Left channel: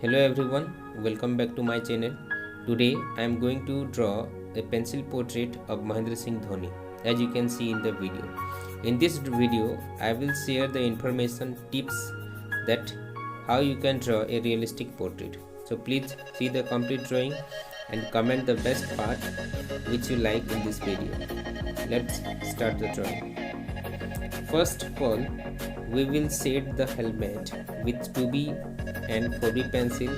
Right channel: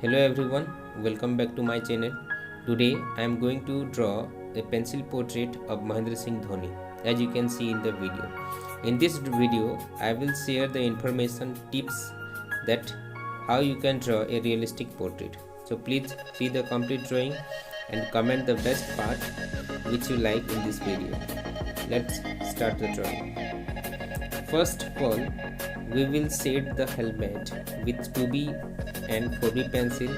Hello everyone, welcome back to my channel. Today I am going to draw a pencil portrait of Mahendra Singh Dhoni, as you can see in the video. In this video I will share the information tips that how you can draw a realistic portrait. So please see the complete drawing and comment the best part which you like in this video. Let's start the drawing. First of all, we will set the helmet with 2B and 4B pencil,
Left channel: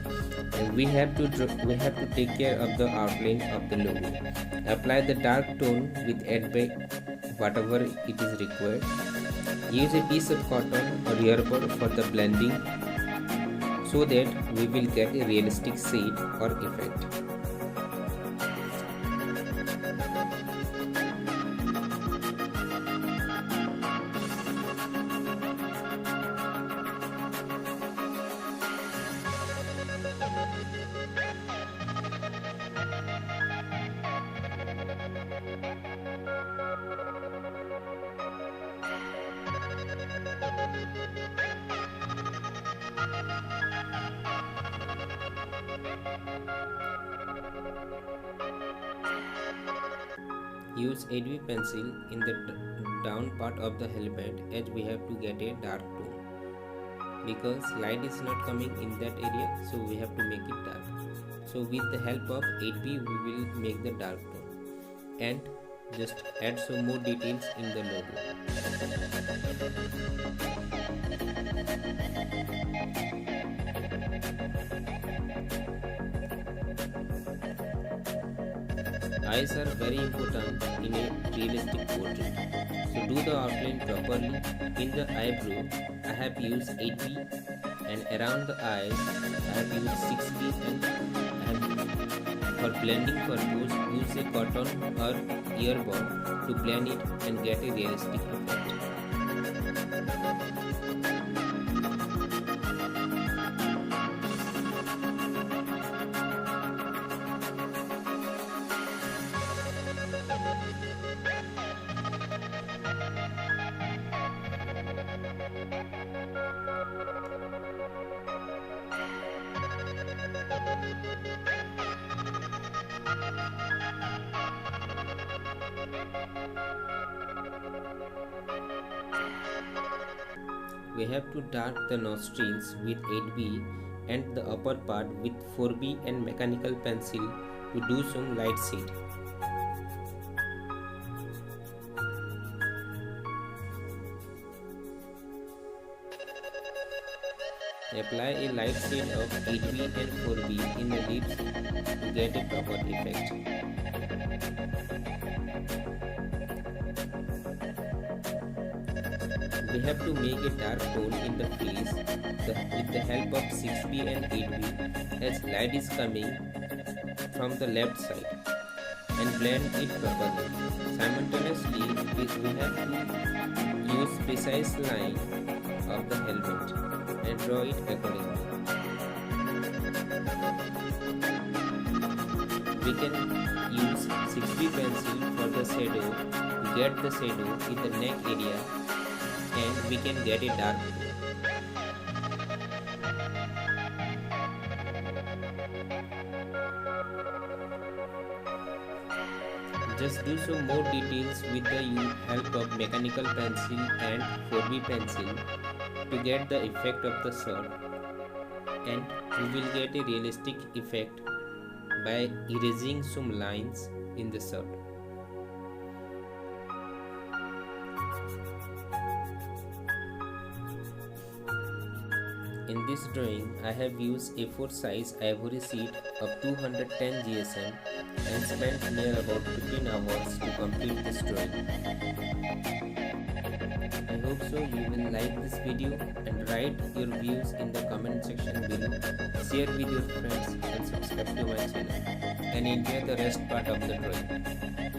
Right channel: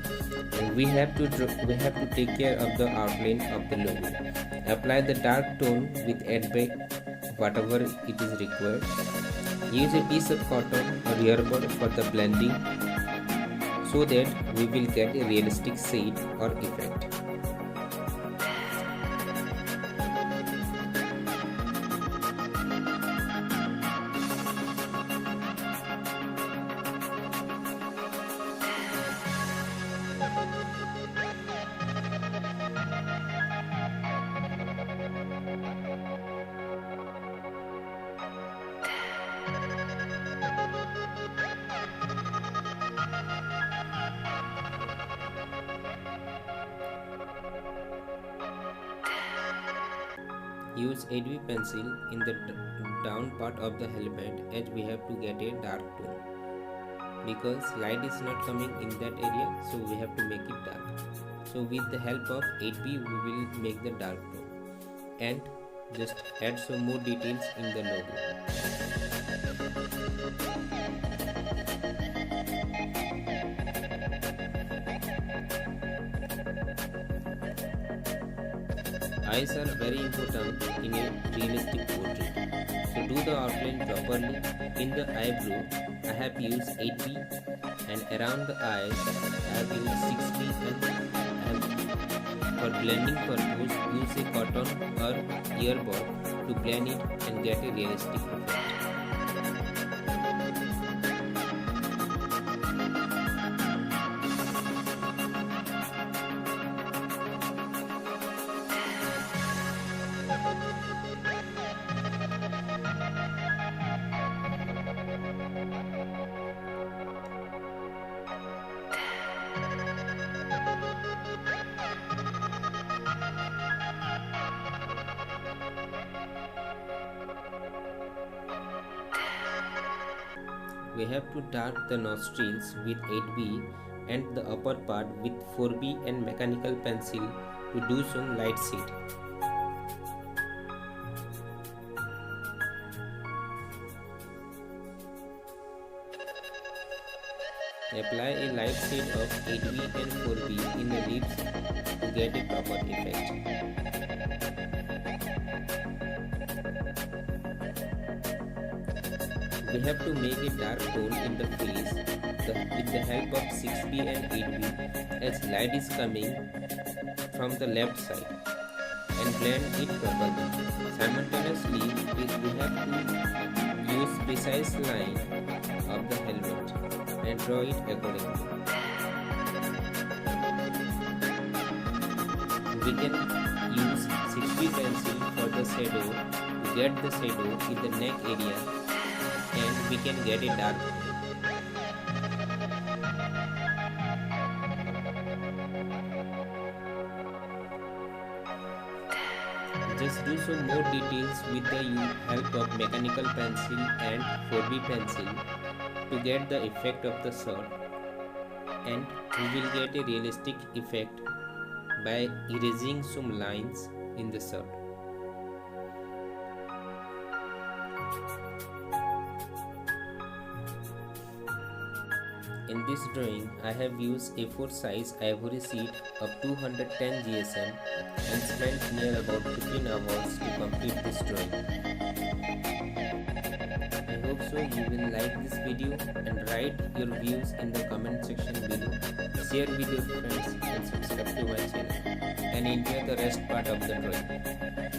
and we have to take care of the outline of the logo. Apply the dark tone with adbake whatever it is required. Use a piece of cotton or rubber for the blending so that we will get a realistic shade or effect. Use 8B pencil in the down part of the helmet, as we have to get a dark tone because light is not coming in that area, so we have to make it dark. So with the help of 8B we will make the dark tone and just add some more details in the logo. Eyes are very important in a realistic portrait, so do the outline properly. In the eyebrow, I have used 8B, and around the eyes, I have used 6B, and I have, for blending purpose, use a cotton or earbud to blend it and get a realistic effect. We have to dark the nostrils with 8B and the upper part with 4B and mechanical pencil to do some light shade. Apply a light shade of 8B and 4B in the lips to get a proper effect. We have to make a dark tone in the face with the help of 6B and 8B, as light is coming from the left side, and blend it properly. Simultaneously, we have to use precise line of the helmet and draw it accordingly. We can use 6B pencil for the shadow to get the shadow in the neck area, and we can get a dark tone. Just do some more details with the help of mechanical pencil and 4B pencil to get the effect of the shirt, and we will get a realistic effect by erasing some lines in the shirt. In this drawing, I have used A4 size ivory sheet of 210 GSM and spent near about 15 hours to complete this drawing. I hope so you will like this video and write your views in the comment section below. Share with your friends and subscribe to my channel and enjoy the rest part of the drawing.